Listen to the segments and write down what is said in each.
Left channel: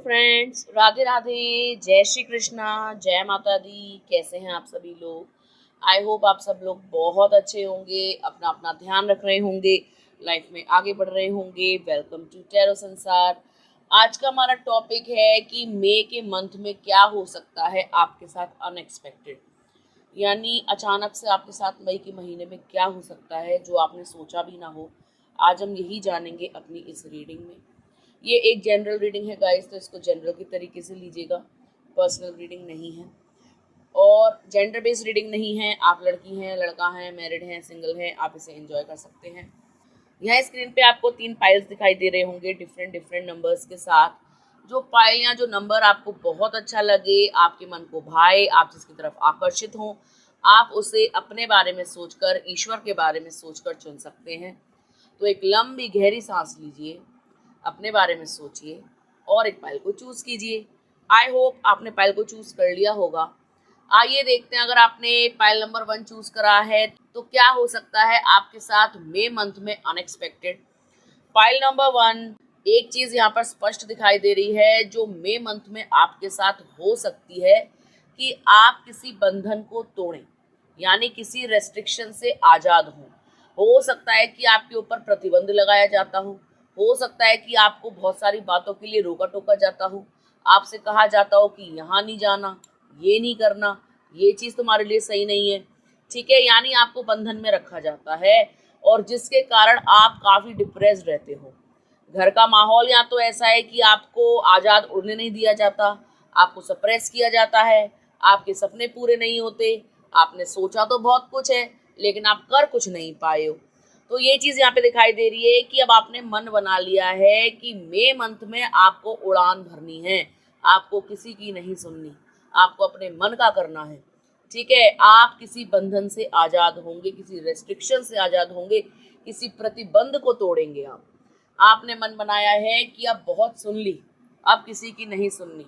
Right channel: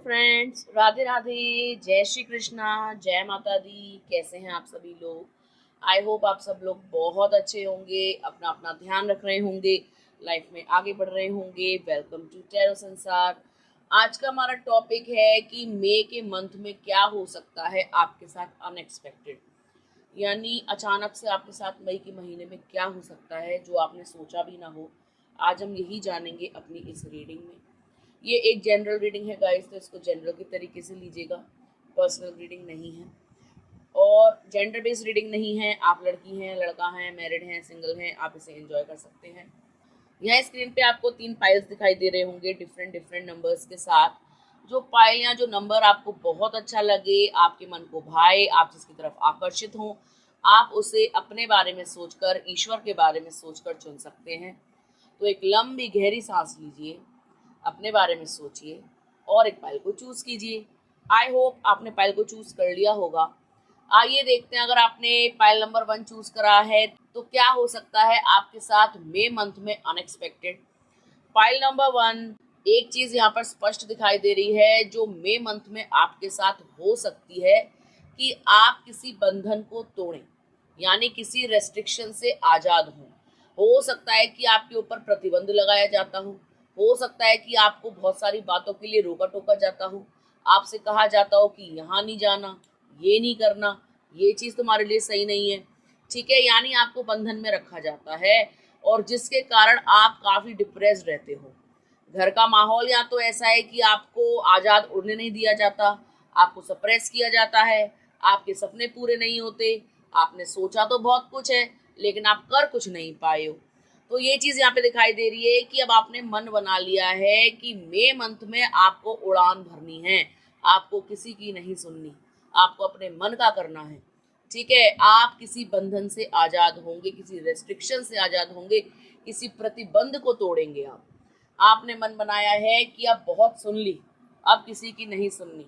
Friends, Radhe Radhe. जय श्री कृष्णा, जय माता दी। कैसे हैं आप सभी लोग? आई होप आप सब लोग बहुत अच्छे होंगे, अपना अपना ध्यान रख रहे होंगे, लाइफ में आगे बढ़ रहे होंगे। वेलकम टू टैरो संसार। आज का हमारा टॉपिक है कि मई के मंथ में क्या हो सकता है आपके साथ अनएक्सपेक्टेड, यानी अचानक से आपके साथ मई के महीने में क्या हो सकता है जो आपने सोचा भी ना हो। आज हम यही जानेंगे अपनी इस रीडिंग में। ये एक जनरल रीडिंग है गाइस, तो इसको जनरल के तरीके से लीजिएगा, पर्सनल रीडिंग नहीं है और जेंडर बेस्ड रीडिंग नहीं है। आप लड़की हैं, लड़का हैं, मैरिड हैं, सिंगल हैं, आप इसे एंजॉय कर सकते हैं। यहाँ स्क्रीन पे आपको 3 पाइल्स दिखाई दे रहे होंगे डिफरेंट डिफरेंट नंबर्स के साथ। जो पाइल या जो नंबर आपको बहुत अच्छा लगे, आपके मन को भाए, आप जिसकी तरफ आकर्षित हों, आप उसे अपने बारे में सोचकर, ईश्वर के बारे में सोचकर चुन सकते हैं। तो एक लंबी गहरी सांस लीजिए, अपने बारे में सोचिए और एक पाइल को चूज कीजिए। आई होप आपने पाइल को चूज कर लिया होगा। आइए देखते हैं, अगर आपने पाइल नंबर 1 चूज करा है तो क्या हो सकता है आपके साथ मई मंथ में अनएक्सपेक्टेड। पाइल नंबर 1, एक चीज यहाँ पर स्पष्ट दिखाई दे रही है जो मई मंथ में आपके साथ हो सकती है कि आप किसी बंधन को तोड़ें, यानी किसी रेस्ट्रिक्शन से आजाद हों। हो सकता है कि आपके ऊपर प्रतिबंध लगाया जाता हो सकता है कि आपको बहुत सारी बातों के लिए रोका टोका जाता हो, आपसे कहा जाता हो कि यहाँ नहीं जाना, ये नहीं करना, ये चीज़ तुम्हारे लिए सही नहीं है, ठीक है। यानी आपको बंधन में रखा जाता है और जिसके कारण आप काफ़ी डिप्रेस्ड रहते हो। घर का माहौल या तो ऐसा है कि आपको आज़ाद उड़ने नहीं दिया जाता, आपको सप्रेस किया जाता है, आपके सपने पूरे नहीं होते, आपने सोचा तो बहुत कुछ है लेकिन आप कर कुछ नहीं पाए हो। तो ये चीज़ यहाँ पे दिखाई दे रही है कि अब आपने मन बना लिया है कि मई मंथ में आपको उड़ान भरनी है, आपको किसी की नहीं सुननी, आपको अपने मन का करना है, ठीक है। आप किसी बंधन से आज़ाद होंगे, किसी रेस्ट्रिक्शन से आज़ाद होंगे, किसी प्रतिबंध को तोड़ेंगे आप। आपने मन बनाया है कि अब बहुत सुन ली, अब किसी की नहीं सुननी।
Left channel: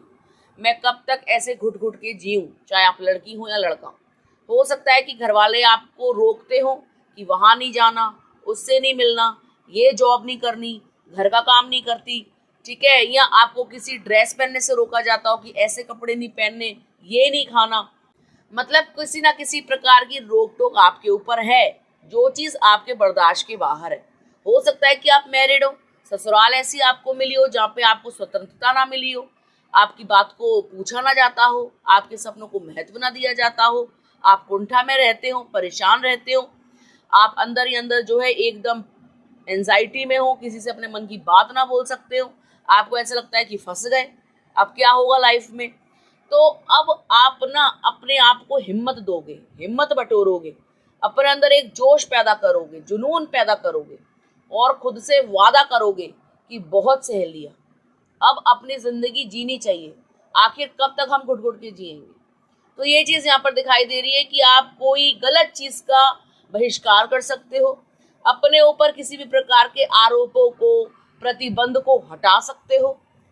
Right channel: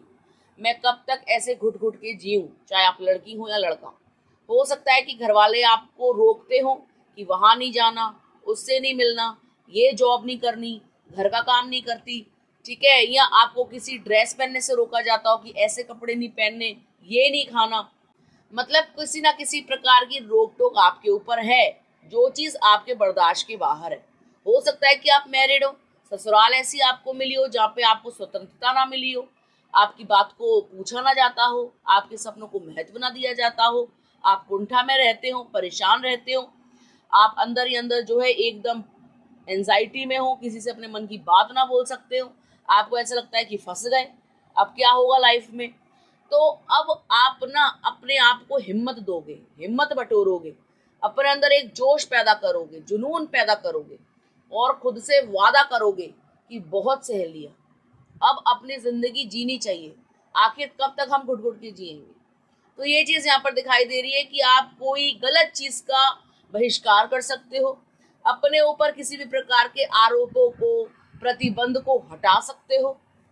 मैं कब तक ऐसे घुट घुट के जीऊँ, चाहे आप लड़की हो या लड़का। हो सकता है कि घर वाले आपको रोकते हो कि वहाँ नहीं जाना, उससे नहीं मिलना, ये जॉब नहीं करनी, घर का काम नहीं करती, ठीक है। या आपको किसी ड्रेस पहनने से रोका जाता हो कि ऐसे कपड़े नहीं पहनने, ये नहीं खाना। मतलब किसी ना किसी प्रकार की रोक टोक आपके ऊपर है, जो चीज़ आपके बर्दाश्त के बाहर है। हो सकता है कि आप मैरिड हो, ससुराल ऐसी आपको मिली हो जहाँ पे आपको स्वतंत्रता ना मिली हो, आपकी बात को पूछा ना जाता हो, आपके सपनों को महत्व ना दिया जाता हो, आप कुंठा में रहते हो, परेशान रहते हो, आप अंदर ही अंदर जो है एकदम एंजाइटी में हो, किसी से अपने मन की बात ना बोल सकते हो, आपको ऐसा लगता है कि फंस गए, अब क्या होगा लाइफ में। तो अब आप ना अपने आप को हिम्मत दोगे, हिम्मत बटोरोगे, अपने अंदर एक जोश पैदा करोगे, जुनून पैदा करोगे और खुद से वादा करोगे कि बहुत सह लिया, अब अपनी जिंदगी जीनी चाहिए। आखिर कब तक हम घुट घुट के जिएंगे। तो ये चीज़ यहाँ पर दिखाई दे रही है कि आप कोई गलत चीज़ का बहिष्कार कर सकते हो, अपने ऊपर किसी भी प्रकार के आरोपों को, प्रतिबंध को हटा सकते हो।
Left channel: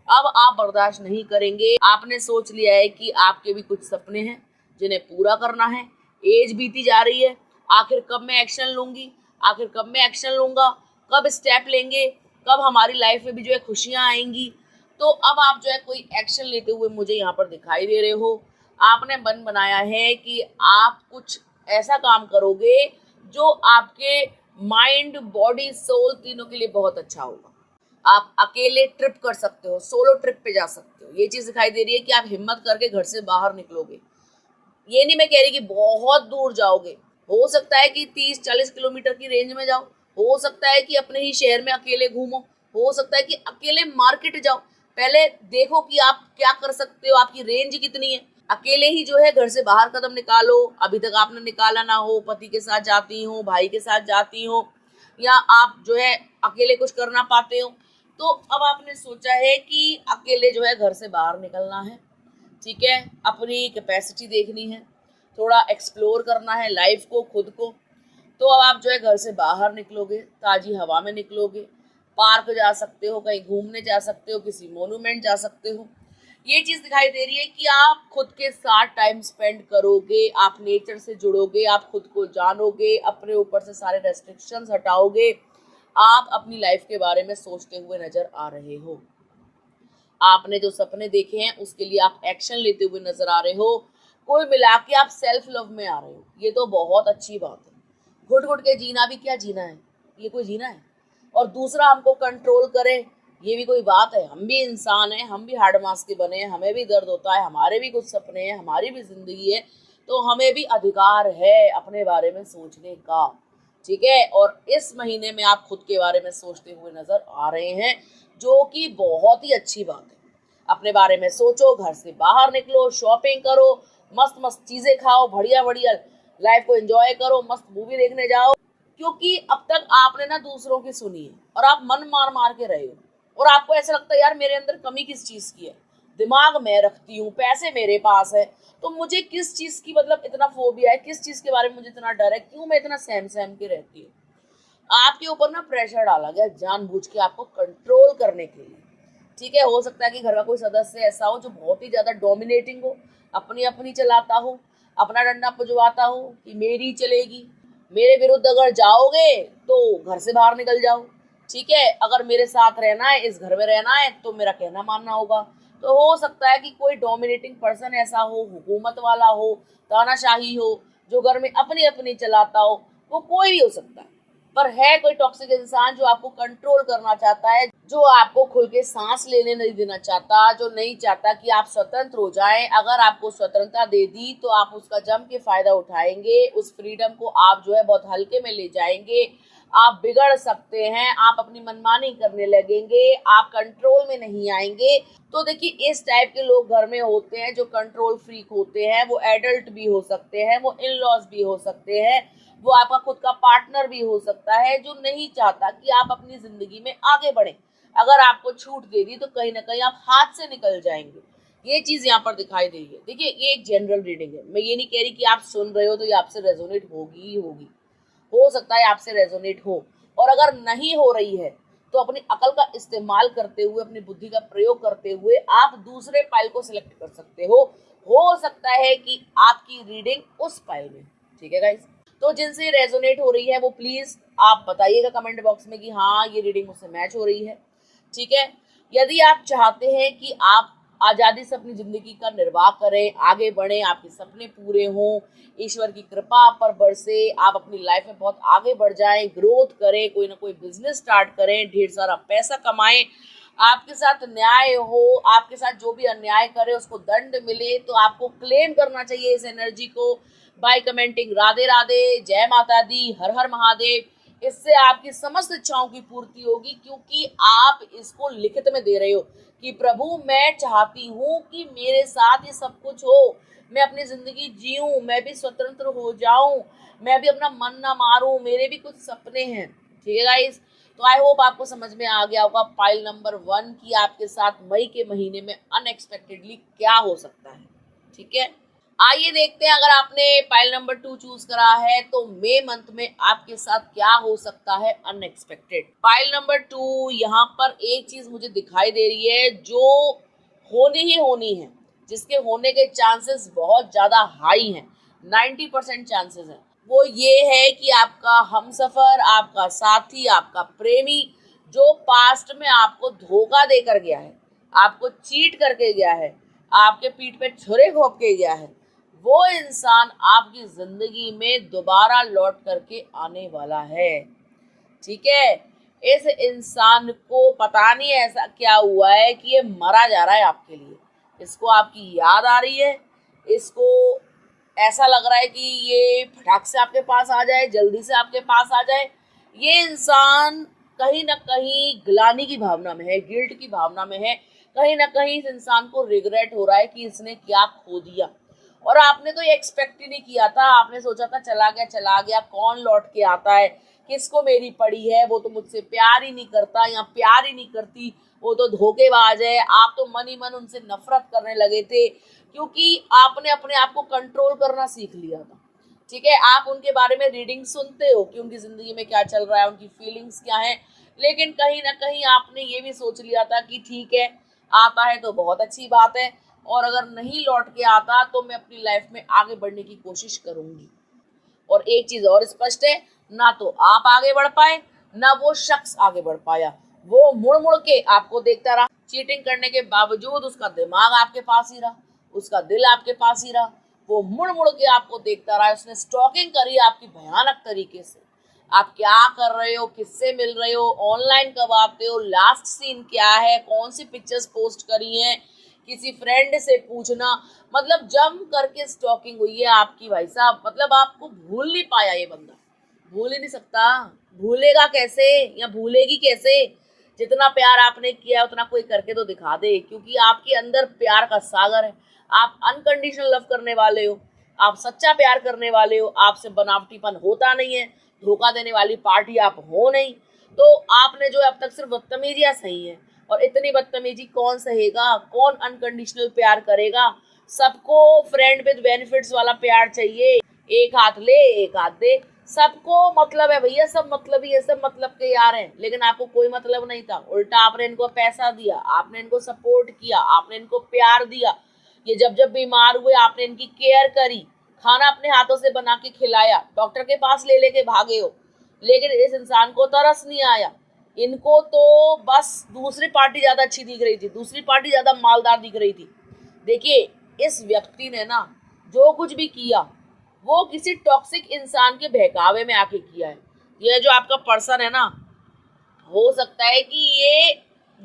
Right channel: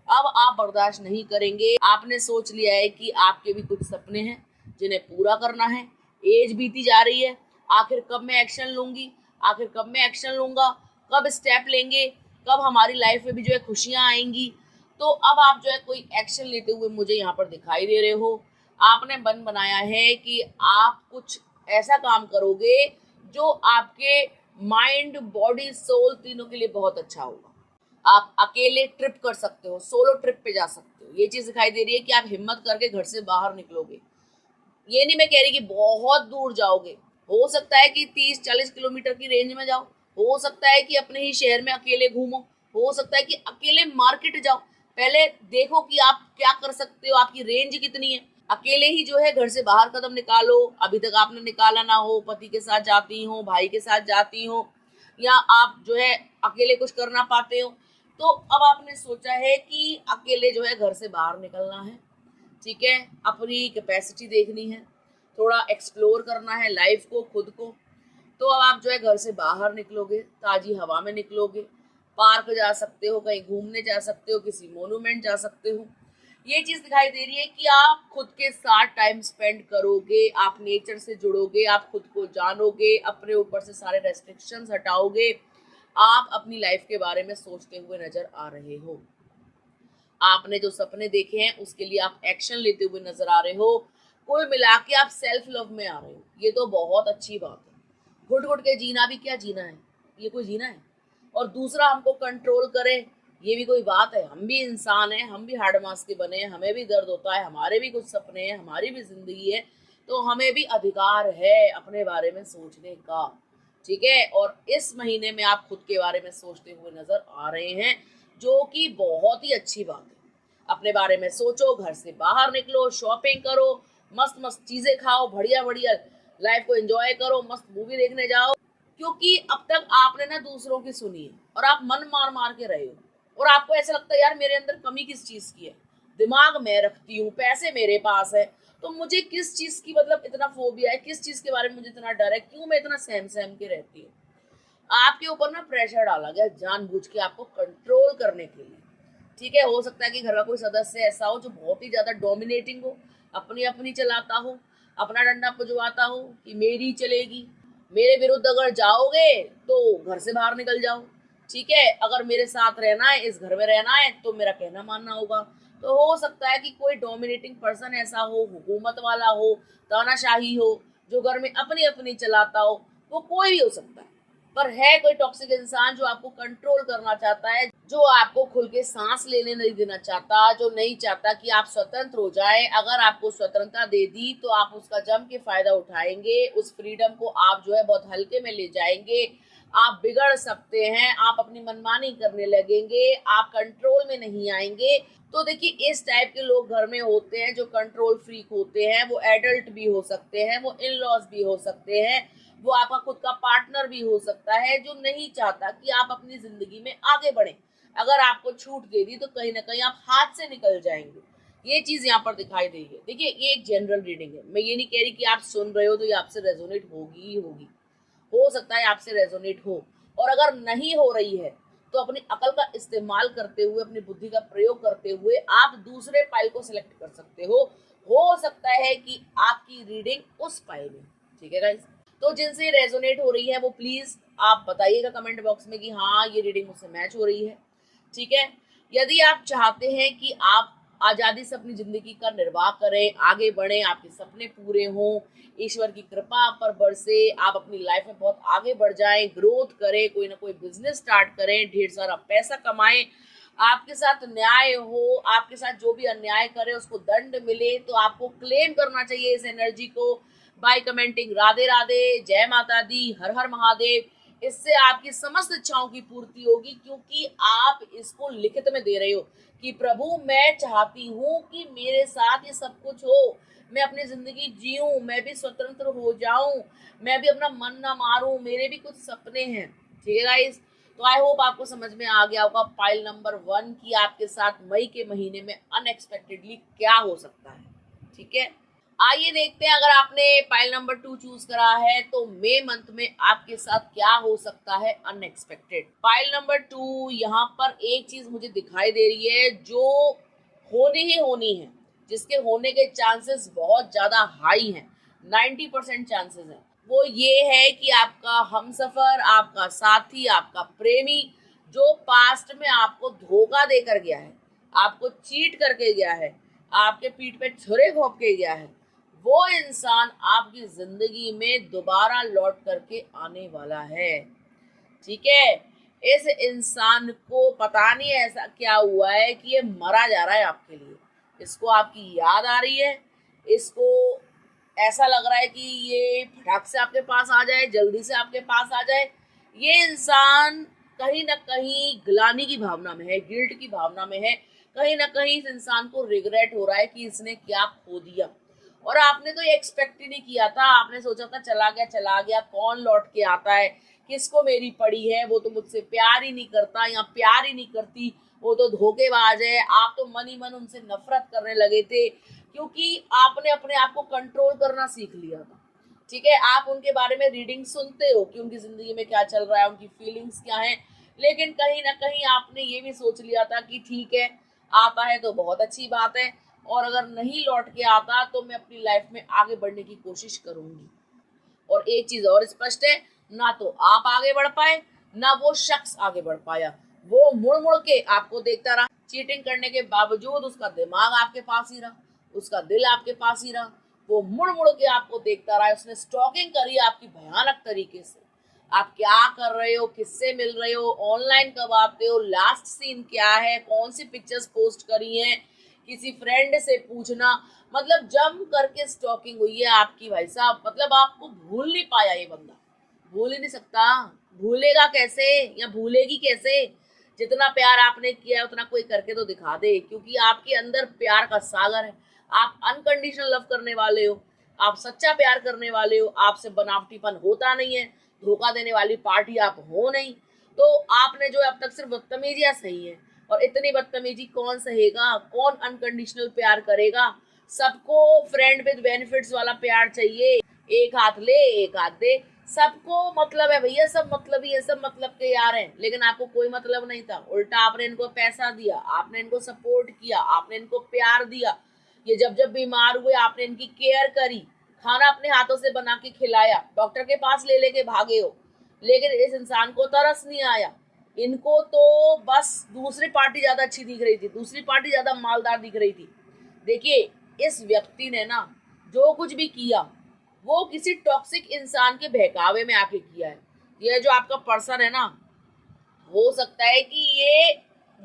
अब आप बर्दाश्त नहीं करेंगे। आपने सोच लिया है कि आपके भी कुछ सपने हैं जिन्हें पूरा करना है। एज बीती जा रही है, आखिर कब मैं एक्शन लूँगी, आखिर कब मैं एक्शन लूँगा, कब स्टेप लेंगे, कब हमारी लाइफ में भी जो है खुशियाँ आएंगी। तो अब आप जो है कोई एक्शन लेते हुए मुझे यहाँ पर दिखाई दे रहे हो। आपने मन बनाया है कि आप कुछ ऐसा काम करोगे जो आपके माइंड, बॉडी, सोल तीनों के लिए बहुत अच्छा होगा। आप अकेले ट्रिप कर सकते हो, सोलो ट्रिप पे जा सकते हो। ये चीज़ दिखाई दे रही है कि आप हिम्मत करके घर से बाहर निकलोगे। ये नहीं मैं कह रही कि बहुत दूर जाओगे, हो सकता है कि 30-40 किलोमीटर की रेंज में जाओ, हो सकता है कि अपने ही शहर में अकेले घूमो, हो सकता है कि अकेले मार्केट जाओ। पहले देखो कि आप क्या कर सकते हो, आपकी रेंज कितनी है। अकेले ही जो है घर से बाहर कदम निकालो। अभी तक आपने निकाला ना हो, पति के साथ जाती हो, भाई के साथ जाती हो, या आप जो है अकेले कुछ कर ना पाते हो, तो अब आपने सोचा है कि अकेले जो है घर से बाहर निकलना है, ठीक है। अपनी कैपेसिटी देखनी है, थोड़ा एक्सप्लोर करना है लाइफ को, खुद को। तो अब आप जो है घर से बाहर निकलोगे, ताज़ी हवा में निकलोगे, पार्क जा सकते हो, कहीं घूमने जा सकते हो, किसी मोन्यूमेंट जा सकते हो। ये चीज़ दिखाई दे रही है कि आप खुद के साथ टाइम स्पेंड करोगे, आप नेचर से जुड़ोगे, आप खुद को जानोगे, अपने ऊपर से सारे रेस्ट्रिक्शंस हटाओगे, आप अपनी लाइफ के बारे में सोचते हुए नजर आ रहे हो। आपने जो सपने देखे हैं उसके लिए आप एक्शन लेते हुए नजर आ रहे हो। कुल मिला के आप सेल्फ लव में आ रहे हो, ये तो बहुत अच्छी बात है। घुट घुट के जीना भी क्या जीना है, ये कोई जीना है? और दूसरा हमको कंट्रोल करे, ये भी कोई बात है? हम भी इंसान हैं, हम भी हार्ड मास के बने हैं, हमें भी दर्द होता है, हमारे भी कुछ सपने हैं, हमारी भी जिंदगी है, तो हमें भी अधिकार है अपने बारे में सोचने का। ठीक है, और इस महीने में आप खुद के बारे में सोचते हुए नजर आ रहे हैं, जो कि बहुत ही अच्छी बात है। अपने बारे में सोचो, घर से बाहर निकलो, शॉपिंग करो, मस्त मस्त चीजें खाओ, बढ़िया बढ़िया लाइफ को एंजॉय करो, मस्त मूवी देखने जाओ। क्योंकि अब तक आपने ना दूसरों की सुनी है और आप मन मार मार के रहे हो, और आपको ऐसा लगता है यार मेरे अंदर कमी किस चीज की है, दिमाग मैं रखती हूँ, पैसे मेरे पास है, तो मुझे किस चीज की मतलब इतना फोबिया है, किस चीज के बारे में मुझे इतना डर है, क्यों मैं इतना सहम सहम के रहती हूँ। आपके ऊपर ना प्रेशर डाला गया जानबूझ के आपको कंट्रोल करने के लिए। ठीक है, हो सकता है कि घर का कोई सदस्य ऐसा हो जो बहुत ही ज्यादा डोमिनेटिंग हो, अपनी अपनी चलाता हो, अपना डंडा पुजवाता हो कि मेरी चलेगी, मेरे विरुद्ध अगर जाओगे तो घर से बाहर निकल जाओ। ठीक है, अगर मेरे साथ रहना है, इस घर में रहना है, तो मेरा कहना मानना होगा। तो हो सकता है कि कोई डोमिनेटिंग पर्सन ऐसा हो, हुकूमत वाला हो, तानाशाही हो, जो घर में अपनी अपनी चलाता हो, वो कोई भी हो सकता है। पर है कोई टॉक्सिक इंसान जो आपको कंट्रोल करना चाहता है, जो आपको खुल के सांस लेने नहीं देना चाहता, जो नहीं चाहता कि आप स्वतंत्र हो जाएं। अगर आपको स्वतंत्रता दे दी तो आप उसका जम के फायदा उठाएंगे, उस फ्रीडम को आप जो है बहुत हल्के में ले जाएंगे, आप बिगड़ सकते हैं, आप अपनी मनमानी करने लगेंगे, आप कंट्रोल में नहीं आएंगे। तो देखिए, इस टाइप के लोग घर में होते हैं जो कंट्रोल फ्रीक होते हैं, वो एडल्ट भी हो सकते हैं, वो इन लॉज भी हो सकते हैं, वो आपका खुद का पार्टनर भी हो सकता है, जो नहीं चाहता कि आप अपनी जिंदगी में आगे बढ़े। अगर आपको छूट दे दी तो कहीं ना कहीं आप हाथ से निकल जाएंगे। ये चीज यहाँ पर दिखाई दे रही है। देखिए, ये एक जनरल रीडिंग है, मैं ये नहीं कह रही कि आप सुन रहे हो तो ये आपसे रेजोनेट होगी ही होगी, हो सकता है आपसे रेजोनेट हो। और अगर नहीं हो रही है तो अपनी अकल का इस्तेमाल करते हुए, अपनी बुद्धि का प्रयोग करते हुए आप दूसरे पाइल को सिलेक्ट कर सकते हो सकता है कि आपकी रीडिंग उस पाइल में। ठीक है गाइस, तो जिनसे रेजोनेट हो रही है वो प्लीज आप बताइएगा कमेंट बॉक्स में कि हाँ ये रीडिंग मुझसे मैच हो रही है। ठीक है, यदि आप चाहते हैं कि आप आज़ादी से अपनी जिंदगी का निर्वाह करें, आगे बढ़ें, आपके सपने पूरे हों, ईश्वर की कृपा आप पर बरसे, आप अपनी लाइफ में बहुत आगे बढ़ जाएं, ग्रोथ करें, कोई ना कोई बिजनेस स्टार्ट करें, ढेर सारा पैसा कमाएं, आपके साथ न्याय हो, आपके साथ जो भी अन्याय करे उसको दंड मिले, तो आपको क्लेम करना चाहिए इस एनर्जी को बाय कमेंटिंग राधे राधे, जय माता दी, हर हर महादेव। इससे आपकी समस्त इच्छाओं की पूर्ति होगी, क्योंकि आप इसको लिखित में दे रहे हो कि प्रभु मैं चाहती हूँ कि मेरे साथ ये सब कुछ हो, मैं अपनी जिंदगी जीऊं, मैं भी स्वतंत्र हो जाऊं, मैं भी अपना मन ना मारूं, मेरे भी कुछ सपने हैं। ठीक है गाइस, तो आई होप आपको समझ में आ गया होगा पाइल नंबर 1 की आपके साथ मई के महीने में अनएक्सपेक्टेडली क्या हो सकता है। ठीक है, आइए देखते हैं, अगर आपने पाइल नंबर 2 चूज करा है तो मई मंथ में आपके साथ क्या हो सकता है अनएक्सपेक्टेड। पाइल नंबर 2, यहाँ पर एक चीज मुझे दिखाई दे रही है जो होनी ही होनी है, जिसके होने के चांसेस बहुत ज्यादा हाई हैं, 90% चांसेस हैं। वो ये है कि आपका हमसफर, आपका साथी, आपका प्रेमी, जो पास्ट में आपको धोखा देकर गया है, आपको चीट करके गया है, आपके पीठ पे छुरे घोंप के गया है, वो इंसान आपकी जिंदगी में दोबारा लौट करके आने वाला है। ठीक है, इस इंसान को पता नहीं ऐसा क्या हुआ है कि ये मरा जा रहा है आपके लिए, इसको आपकी याद आ रही है, इसको ऐसा लग रहा है कि ये फटाक से आपके पास आ जाए, जल्दी से आपके पास आ जाए। ये इंसान कहीं ना कहीं ग्लानि की भावना में है, गिल्ट की भावना में है, कहीं ना कहीं इस इंसान को रिग्रेट हो रहा है कि इसने क्या खो दिया। और आपने तो ये एक्सपेक्ट ही नहीं किया था, आपने सोचा था चला गया, कौन लौट के आता है, किसको मेरी पड़ी है, वो तो मुझसे प्यार ही नहीं करता या प्यार ही नहीं करती, वो तो धोखेबाज है। आप तो मन ही मन उनसे नफरत करने लगे थे, क्योंकि आपने अपने आप को कंट्रोल करना सीख लिया था। ठीक है, आप उनके बारे में रीडिंग सुनते हो कि उनकी जिंदगी में क्या चल रहा है, उनकी फीलिंग्स क्या हैं, लेकिन कहीं ना कहीं आपने ये भी सोच लिया था कि ठीक है, आता है तो बहुत अच्छी बात है, और अगर नहीं लौट के आता तो मैं अपनी लाइफ में आगे बढ़ने की कोशिश करूंगी। और एक चीज और स्पष्ट है, ना तो आप आगे बढ़ पाए, ना वो शख्स आगे बढ़ पाया, वो मुड़ मुड़ के आपको देखता रहा, चीटिंग करने के बावजूद उसका दिमाग आपके पास ही रहा, उसका दिल आपके पास ही रहा, वो मुड़ मुड़ के आपको देखता रहा, उसने स्टॉकिंग करी आपकी भयानक तरीके से। आप क्या कर रहे हो, किससे मिल रहे हो, ऑनलाइन कब आते हो, लास्ट सीन क्या है, कौन सी पिक्चर्स पोस्ट करी हैं, किसी फ्रेंड से पूछना, मतलब जम करके स्टॉकिंग हुई है आपकी भाई साहब। मतलब आपको भूल नहीं पाया ये बंदा, भूल ही नहीं सकता। भूलेगा कैसे या भूलेगी कैसे? जितना प्यार आपने किया उतना कोई करके तो दिखा दे, क्योंकि आपके अंदर प्यार का सागर है। आप अनकंडीशनल लव करने वाले हो, आप सच्चा प्यार करने वाले हो, आपसे बनावटीपन होता नहीं है, धोखा देने वाली पार्टी आप हो नहीं। तो आपने जो अब तक सिर्फ बदतमीजियां सही है, और इतनी बदतमीजी कौन सहेगा, कौन अनकंडीशनल प्यार करेगा? सबको फ्रेंड विद बेनिफिट्स वाला प्यार चाहिए, एक हाथ ले एक हाथ दे, सबको मतलब है भैया, सब मतलब ही है, सब मतलब के यार हैं। लेकिन आपको कोई मतलब नहीं था, उल्टा आपने इनको पैसा दिया, आपने इनको सपोर्ट किया, आपने इनको प्यार दिया, ये जब जब बीमार हुए आपने इनकी केयर करी, खाना अपने हाथों से बना के खिलाया, डॉक्टर के पास ले लेके भागे हो। लेकिन इस इंसान को तरस नहीं आया, इनको तो बस दूसरी पार्टी ज्यादा अच्छी दिख रही थी, दूसरी पार्टी ज्यादा मालदार दिख रही थी। देखिए, इस व्यक्ति ने ना जो कुछ भी किया वो किसी टॉक्सिक इंसान के बहकावे में आके किया है। ये जो आपका पर्सन है ना, हो सकता है कि ये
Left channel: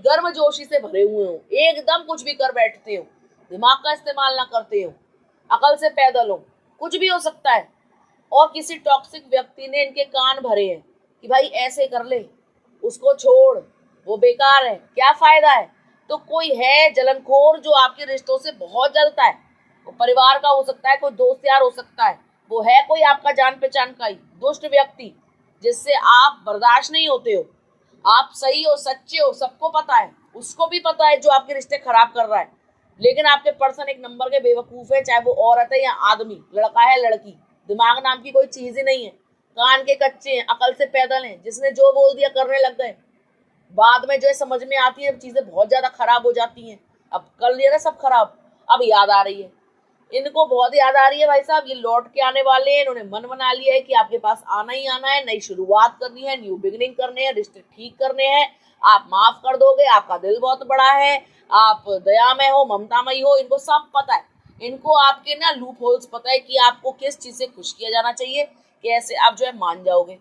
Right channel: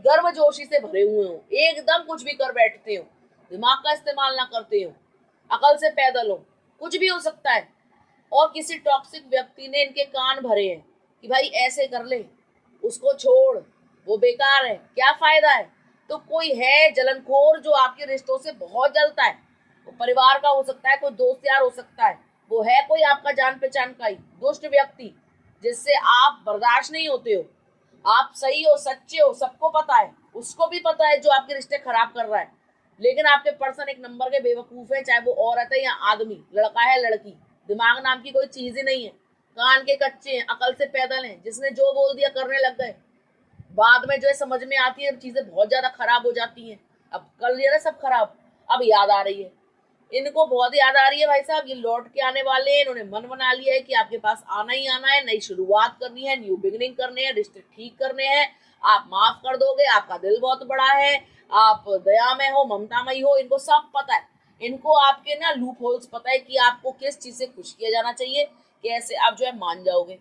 गर्मजोशी से भरे हुए हो, एकदम कुछ भी कर बैठते हो, दिमाग का इस्तेमाल ना करते हो, अकल से पैदल हो, कुछ भी हो सकता है। और किसी टॉक्सिक व्यक्ति ने इनके कान भरे हैं कि भाई ऐसे कर ले, उसको छोड़, वो बेकार है, क्या फायदा है। तो कोई है जलनखोर जो आपके रिश्तों से बहुत जलता है, वो परिवार का हो सकता है, कोई दोस्त यार हो सकता है, वो है कोई आपका जान पहचान का ही दुष्ट व्यक्ति जिससे आप बर्दाश्त नहीं होते हो। आप सही हो, सच्चे हो, सबको पता है, उसको भी पता है जो आपके रिश्ते खराब कर रहा है। लेकिन आपके पर्सन एक नंबर के बेवकूफ है, चाहे वो औरत है या आदमी, लड़का है लड़की, दिमाग नाम की कोई चीज ही नहीं है, कान के कच्चे हैं, अकल से पैदल हैं, जिसने जो बोल दिया करने लग गए। बाद में जो है समझ में आती है, चीजें बहुत ज्यादा खराब हो जाती हैं। अब कर लिया ना सब खराब, अब याद आ रही है, इनको बहुत याद आ रही है भाई साहब, ये लौट के आने वाले हैं, इन्होंने मन बना लिया है कि आपके पास आना ही आना है, नई शुरुआत करनी है, न्यू बिगिनिंग करने हैं, रिश्ते ठीक करने हैं। आप माफ कर दोगे, आपका दिल बहुत बड़ा है, आप दयामय हो, ममतामयी हो, इनको सब पता है। इनको आपके ना लूप होल्स पता है कि आपको किस चीज से खुश किया जाना चाहिए, कैसे आप जो है मान जाओगे।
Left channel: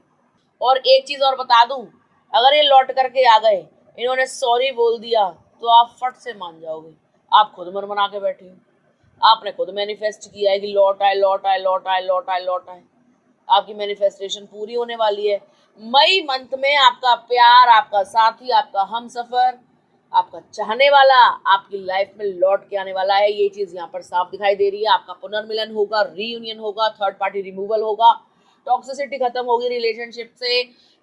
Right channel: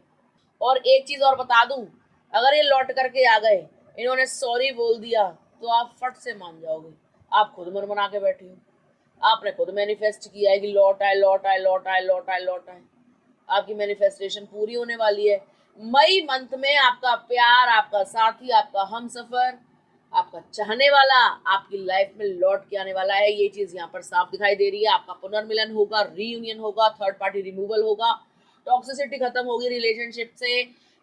और एक चीज और बता दूं, अगर ये लौट करके आ गए, इन्होंने सॉरी बोल दिया, तो आप फट से मान जाओगे। आप खुद मन बना के बैठी हो, आपने खुद मैनिफेस्ट किया है कि लौट आए लौट आए लौट आए लौट आए लौट आए। आपकी मैनिफेस्टेशन पूरी होने वाली है। मई मंथ में आपका प्यार, आपका साथी, आपका हमसफर, आपका चाहने वाला आपकी लाइफ में लौट के आने वाला है। ये चीज यहाँ पर साफ दिखाई दे रही है। आपका पुनर्मिलन होगा, रीयूनियन होगा, थर्ड पार्टी रिमूवल होगा, टॉक्सिसिटी खत्म होगी रिलेशनशिप से,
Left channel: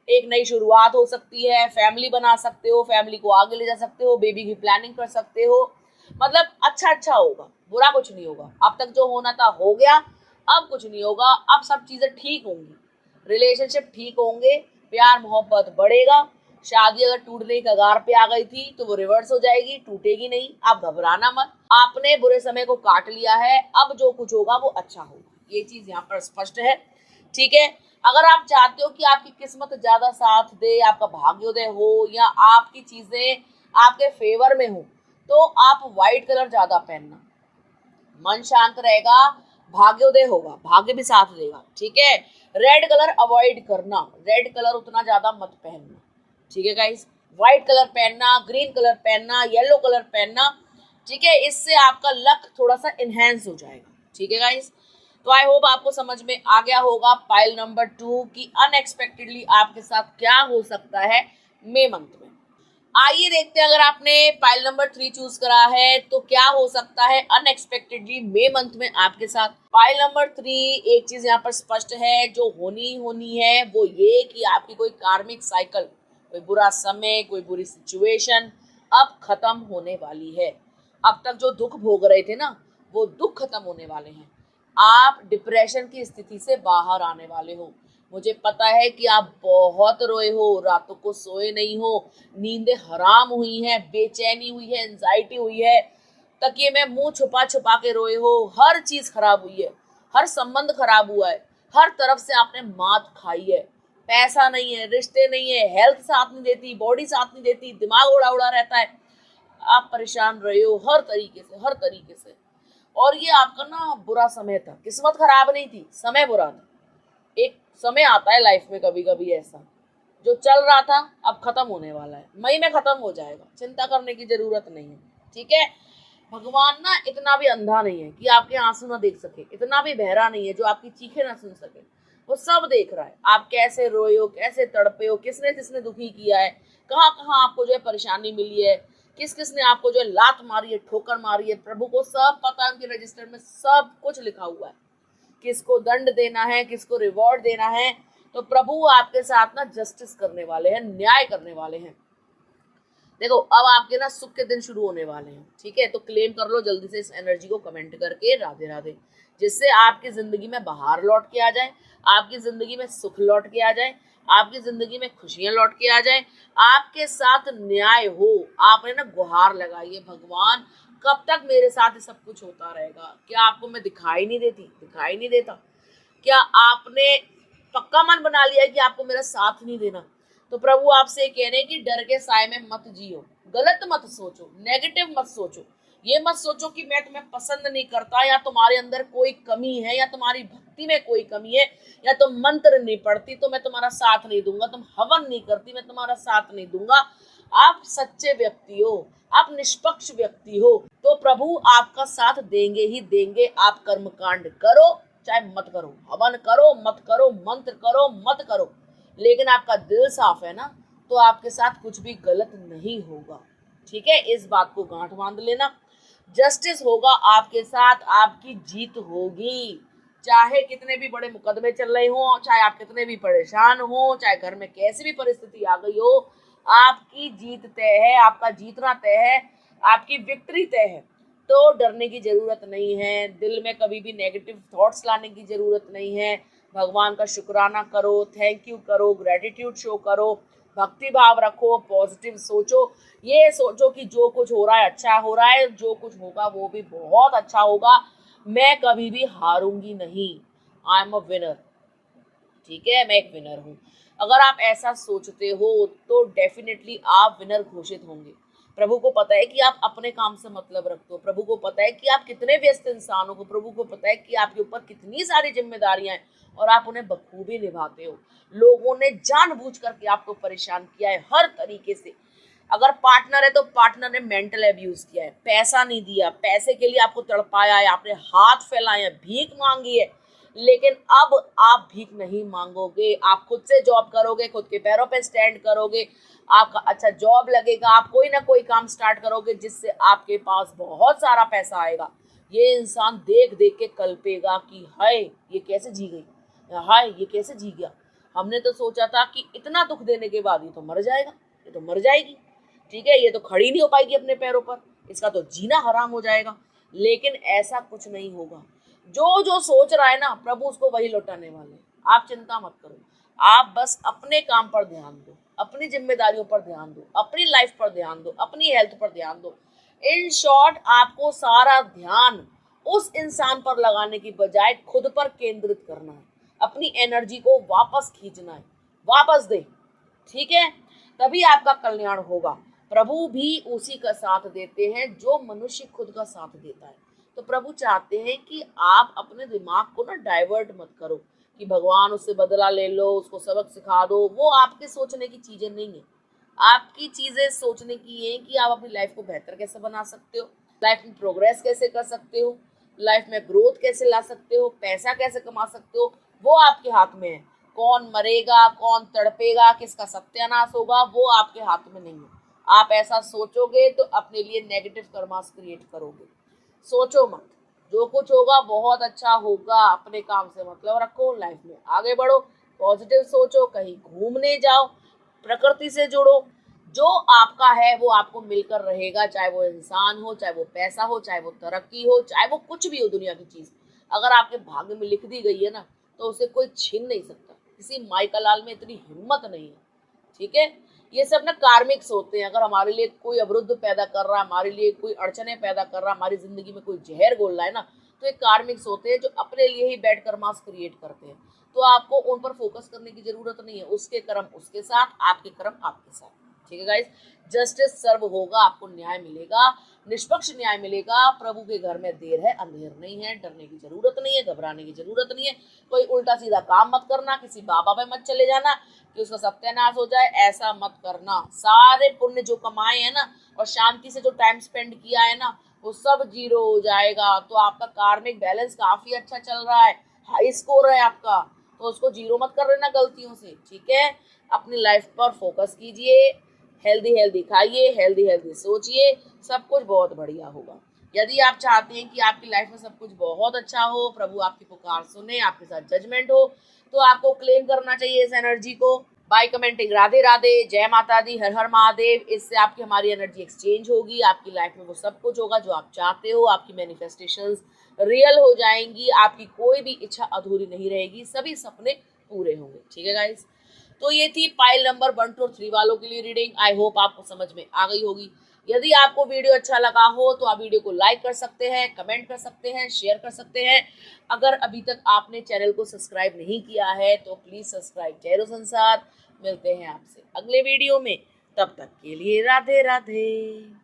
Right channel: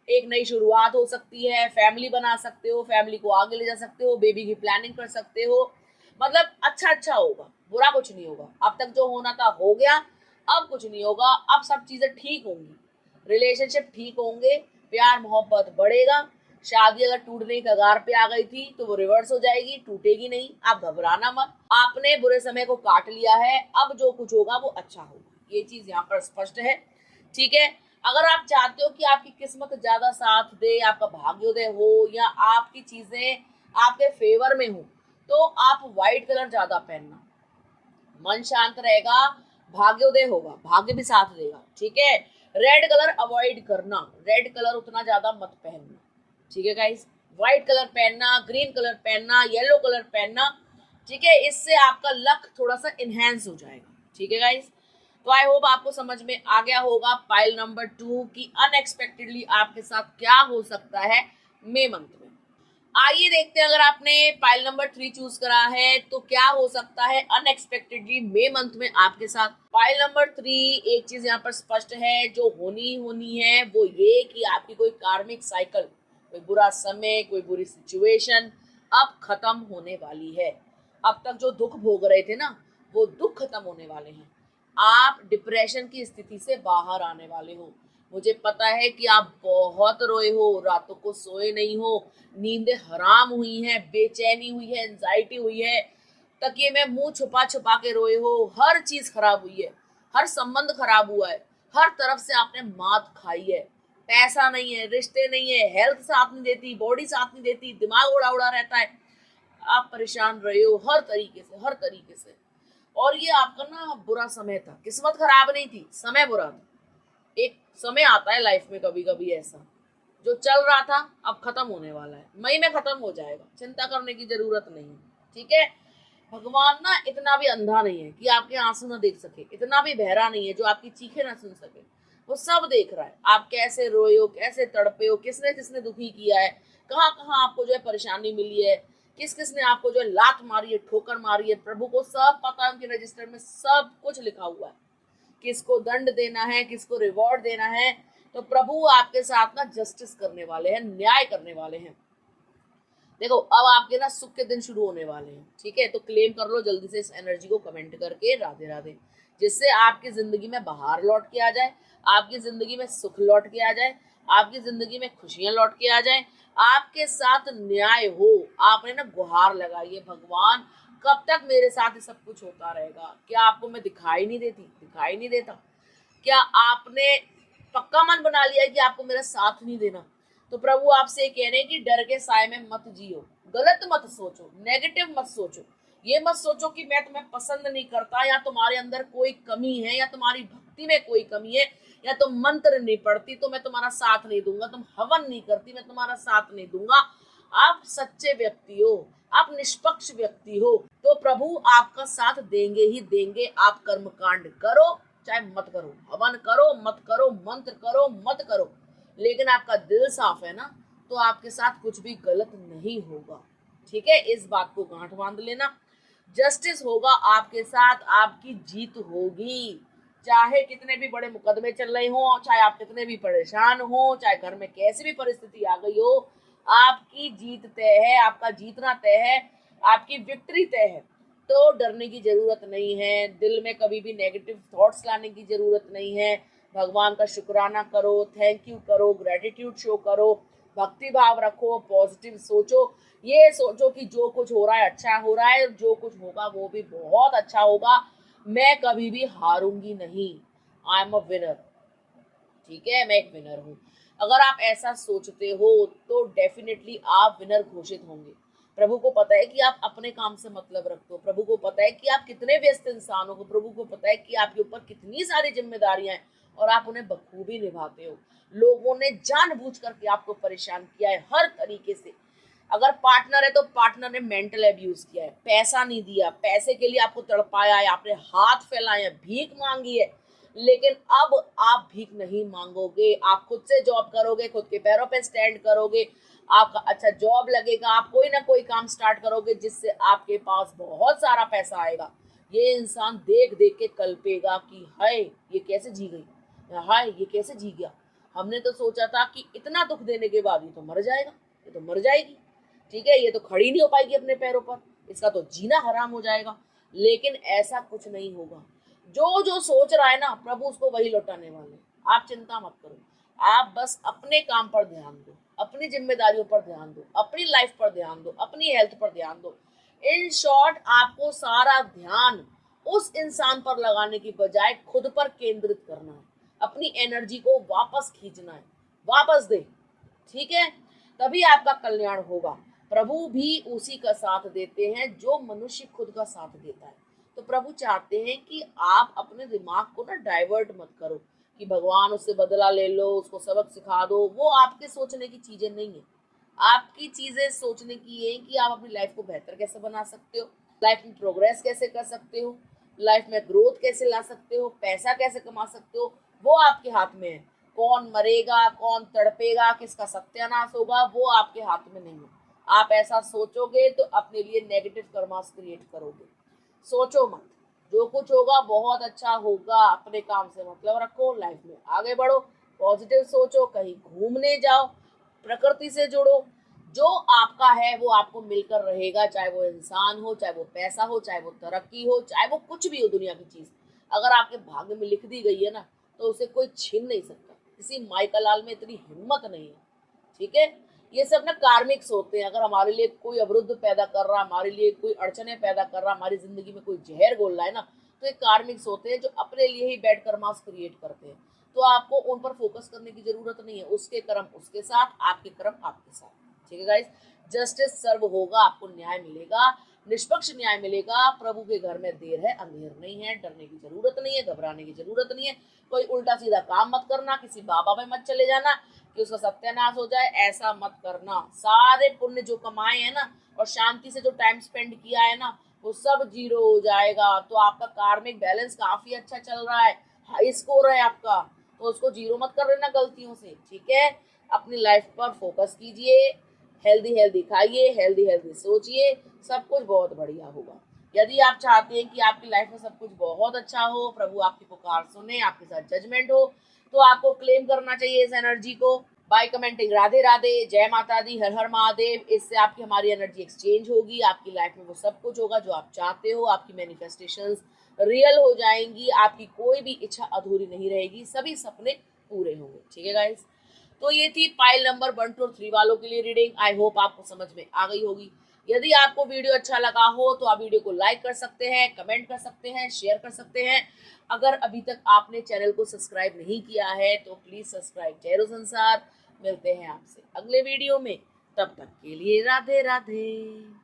एक नई शुरुआत हो सकती है, फैमिली बना सकते हो, फैमिली को आगे ले जा सकते हो, बेबी की प्लानिंग कर सकते हो। मतलब अच्छा अच्छा होगा, बुरा कुछ नहीं होगा। अब तक जो होना था हो गया, अब कुछ नहीं होगा, अब सब चीजें ठीक होंगी, रिलेशनशिप ठीक होंगे, प्यार मोहब्बत बढ़ेगा। शादी अगर टूटने की कगार पे आ गई थी तो वो रिवर्स हो जाएगी, टूटेगी नहीं। आप घबराना मत, आपने बुरे समय को काट लिया है, अब जो कुछ होगा वो अच्छा होगा, ये चीज यहाँ पर स्पष्ट है। ठीक है, अगर आप चाहते हो कि आपकी किस्मत ज्यादा साथ दे, आपका भाग्योदय हो, या आपकी चीजें आपके फेवर में हो, तो आप व्हाइट कलर ज्यादा पहनना, मन शांत रहेगा, भाग्योदय होगा, भाग्य भी साथ देगा। ठीक है, रेड कलर अवॉइड करना, रेड कलर उतना ज्यादा मत पहनना। ठीक है गाइस, व्हाइट कलर पहनना, ग्रीन कलर पहनना, येलो कलर पहनना। ठीक है, इससे आपका लक थोड़ा सा इनहेंस हो जाएगा। ठीक है गाइस, तो आई होप आपको समझ में आ गया होगा पाइल नंबर 2 की अनएक्सपेक्टेडली आपके साथ क्या हो सकता है मई मंथ में। आइए देखते हैं, अगर आपने पाइल नंबर 3 चूज करा है तो क्या हो सकता है अनएक्सपेक्टेडली मई मंथ में आपके साथ। पाइल नंबर 3, एक चीज यहाँ पर स्पष्ट है, जो होनी है वो ये कि आपकी कोई कार्मिक साइकिल, कोई बुरा समय, कोई बुरी सिचुएशन अब खत्म होने वाली है। अब तक जो दुख भोग रहे थे ना, वो दुख खत्म होने वाले हैं। आप डिप्रेशन की स्थिति से बाहर आने वाले हो। मुझे पता है कि आप बहुत रोए हो, रातों को सोए नहीं हो, नींदें हराम हुई हैं, बेचैनी हुई है, एंजाइटी हुई है, तकिए में मुंह छुपा छुपा के रोए हो, हर चीज खराब हुई है, हर संबंध खराब हुआ है, हर तरफ से आपने मात खाई है। पैसा नहीं है, रिश्ते नहीं है, हेल्थ साथ नहीं देती, बॉडी साथ नहीं देती, दिमाग उड़ा उड़ा रहता है। आप परेशान रहे हो हर तरीके से। और ये आपका ना बुरा समय था, किस्मत खराब नहीं थी, समय बुरा था। एक समय आता है लाइफ में कभी कभी ऐसा, जो चल रहा था अब खत्म होने वाला है, मई में खत्म हो जाएगा, चिंता करने की जरूरत नहीं है। ठीक है, भगवान ना इतना भी अंधा नहीं है कि आपके आंसू ना देख सके, इतना भी बहरा नहीं है जो आपकी चीखें ना सुन सके। वो सब देख रहा है, आप कैसे रोए हो, कैसे तड़पे हो, किसने किसने दुखी किया है, कहाँ कहाँ आपको जो है परेशानी मिली है, किस किसने आपको जो है लात मारी है, ठोकर मारी है, प्रभु को सब पता है, उनके रजिस्टर में सब कुछ लिखा हुआ है, किसको दंड देना है, किसको रिवॉर्ड देना है। तो प्रभु आपके साथ ना जस्टिस करने वाले हैं, न्याय करने वाले हैं। देखो अब आपके ना सुख के दिन शुरू होने वाले हैं। ठीक है, तो क्लेम कर लो जल्दी से इस एनर्जी को कमेंट करके, राधे राधे, जिससे आपकी जिंदगी में बहार लौट के आ जाए, आपकी जिंदगी में सुख लौट के आ जाए, आपकी जिंदगी में खुशियां लौट के आ जाए, आपके साथ न्याय हो। आपने ना गुहार लगाई है, भगवान कब तक मेरे साथ सब कुछ होता रहेगा? क्या आपको मैं दिखाई नहीं देता? क्या आपने पक्का मन बना लिया है कि आपको मेरा साथ नहीं देना? तो प्रभु आपसे कह रहे हैं कि डर के साए में मत जियो, गलत मत सोचो, नेगेटिव मत सोचो। ये मत सोचो कि मैं तुम्हें पसंद नहीं करता, या तुम्हारे अंदर कोई कमी है, या तुम्हारी भक्ति में कोई कमी है, या तुम मंत्र नहीं पढ़ती तो मैं तुम्हारा साथ नहीं दूंगा, तुम हवन नहीं करती मैं तुम्हारा साथ नहीं दूंगा। आप सच्चे व्यक्ति हो, आप निष्पक्ष व्यक्ति हो, तो प्रभु आपका साथ देंगे ही देंगे। आप कर्मकांड करो चाहे मत करो, हवन करो मत करो, मंत्र करो मत करो, लेकिन आपका दिल साफ है ना, तो आपके साथ कुछ भी गलत नहीं होगा। ठीक है, इस बात को गांठ बांध लेना। जस्टिस होगा आपके साथ, आपकी जीत होगी। चाहे कितने भी बड़े मुकदमे चल रहे हो, चाहे आप कितने भी परेशान हो, चाहे घर में कैसी भी परिस्थिति आ गई हो, आपकी जीत तय है, आपका जीतना तय है, आपकी विक्ट्री तय है। तो डरने की जरूरत नहीं है, दिल में कभी भी नेगेटिव थॉट्स लाने की जरूरत नहीं है। भगवान का शुक्राना करो, थैंक यू करो, ग्रेटिट्यूड शो करो, भक्ति भाव रखो, पॉजिटिव सोचो। ये सोचो कि जो कुछ हो रहा है अच्छा हो रहा है, जो कुछ होगा वो भी बहुत अच्छा होगा, मैं कभी भी हारूंगी नहीं, आई एम अ विनर। ठीक है, मैं एक विनर हूँ। अगर आप ऐसा सोचते हो तो डेफिनेटली आप विनर घोषित होंगे। प्रभु को पता है कि आप अपने काम से मतलब रखते हो, प्रभु को पता है कि आप कितने व्यस्त इंसान हो, प्रभु को पता है कि आपके ऊपर कितनी सारी जिम्मेदारियां हैं और आप उन्हें बखूबी निभाते हो। लोगों ने जानबूझ करके आपको परेशान किया है हर तरीके से। अगर पार्टनर है तो पार्टनर ने मेंटल एब्यूज किया है, पैसा नहीं दिया, पैसे के लिए आपको तड़पाया है, आपने हाथ फैलाए हैं, भीख मांगी है, लेकिन अब आप भीख नहीं मांगोगे, आप खुद से जॉब करोगे, खुद के पैरों पे स्टैंड करोगे, आपका अच्छा जॉब लगेगा, आप कोई ना कोई काम स्टार्ट करोगे जिससे आपके पास बहुत सारा पैसा आएगा। ये इंसान देख देख के कल्पेगा कि हाय ये कैसे जी गई, हाय ये कैसे जी गया, हमने तो सोचा था कि इतना दुख देने के बाद ये तो मर जाएगा, ये तो मर जाएगी, ठीक है, ये तो खड़ी नहीं हो पाएगी अपने पैरों पर, इसका तो जीना हराम हो जाएगा। लेकिन ऐसा कुछ नहीं होगा। जो जो सोच रहा है ना, प्रभु उसको वही लौटाने वाले। आप चिंता मत करो, आप बस अपने काम पर ध्यान दो, अपनी जिम्मेदारियों पर ध्यान दो, अपनी लाइफ पर ध्यान दो, अपनी हेल्थ पर ध्यान दो। इन शॉर्ट आपको सारा ध्यान उस इंसान पर लगाने की बजाय खुद पर केंद्रित करना है, अपनी एनर्जी को वापस खींचना है, वापस दे। ठीक है, तभी आपका कल्याण होगा। प्रभु भी उसी का साथ देते हैं जो मनुष्य खुद का साथ देता है। तो प्रभु चाहते हैं कि आप अपने दिमाग को ना डाइवर्ट मत करो कि भगवान उससे बदला ले लो, उसको सबक सिखा दो। वो आपके सोचने की चीजें नहीं है। आपकी चीजें सोचने की है कि आप अपनी लाइफ को बेहतर कैसे बना सकते हो, लाइफ में प्रोग्रेस कैसे कर सकते हो, लाइफ में ग्रोथ कैसे ला सकते हो, पैसा कैसे कमा सकते हो, वो आपके हाथ में है। कौन मरेगा, कौन तड़पेगा, किसका सत्यानाश होगा, वो आपके हाथ में नहीं है। आप ऐसा सोचोगे तो अपने लिए नेगेटिव कर्मास क्रिएट करोगे। सोचो मत, जो कुछ होगा बहुत अच्छा होगा। अपने काम से मतलब रखो, लाइफ में आगे बढ़ो, पॉजिटिव सोचो, कहीं घूमने जाओ, प्रकृति से जुड़ो। जो आपका है वो आपको मिलकर रहेगा, चाहे वो इंसान हो, चाहे वो पैसा हो, चाहे वो तरक्की हो, चाहे वो कुछ भी हो दुनिया की चीज। अगर आपके भाग्य में लिख दी गई है ना, तो उसे कोई छीन नहीं सकता। किसी माई का लाल में इतनी हिम्मत नहीं है। ठीक है, ये सब ना कार्मिक्स होते हैं। अगर हमारे लिए कोई अवरुद्ध पैदा कर रहा है, हमारे लिए कोई अड़चने पैदा कर रहा है, हमारी जिंदगी में कोई जहर घोल रहा है ना, तो ये कार्मिक्स होते हैं जो अपने लिए ही बैड कर्मास क्रिएट करते हैं। तो आपको उन पर फोकस करने की जरूरत नहीं है। उसके कर्म उसके साथ, आपके कर्म आपके साथ। ठीक है गाइस, जस्टिस सर्व होगा, आपको न्याय मिलेगा, निष्पक्ष न्याय मिलेगा। प्रभु के घर में देर है अंधेर नहीं है, डरने की जरूरत नहीं है, घबराने की जरूरत नहीं है। कोई उल्टा सीधा काम मत करना, किसी बाबा पे मत चले जाना कि उसका सत्यानाश हो जाए, ऐसा मत करना। सारे पुण्य जो कमाए हैं ना और शांति से जो टाइम स्पेंड किया है ना, वो सब जीरो हो जाएगा। तो आपका कार्मिक बैलेंस काफी अच्छा चल रहा है, हाई स्कोर है आपका, तो उसको जीरो मत कर लेना गलतियों से, ठीक है। अपनी लाइफ पर फोकस कीजिए, हेल्दी हेल्दी खाइए, हेल्दी हेल्दी सोचिए, सब कुछ बहुत बढ़िया होगा। यदि आप चाहते हैं कि आपकी लाइफ में सब कुछ बहुत अच्छा हो, प्रभु आपकी पुकार सुने, आपके साथ जजमेंट हो, तो आपको क्लेम करना चाहिए इस एनर्जी को बाय कमेंटिंग राधे राधे, जय माता दी, हर हर महादेव। इससे आपकी हमारी एनर्जी एक्सचेंज होगी, आपकी लाइफ में वो सब कुछ होगा जो आप चाहते हो, आपकी मैनिफेस्टेशंस रियल हो जाएंगी, आपकी कोई भी इच्छा अधूरी नहीं रहेगी, सभी सपने पूरे होंगे, ठीक है गाइस। तो ये थी पाइल नंबर 1, 2 और 3 वालों के लिए रीडिंग। आई होप आपको समझ में आ गई होगी। यदि आपको वीडियो अच्छा लगा हो तो आप वीडियो को लाइक कर सकते हैं, कमेंट कर सकते हैं, शेयर कर सकते हैं। अगर अभी तक आपने चैनल को सब्सक्राइब नहीं किया है तो प्लीज सब्सक्राइब जयरो संसार। मिलते हैं आपसे अगले वीडियो में, तब तक के लिए राधे राधे।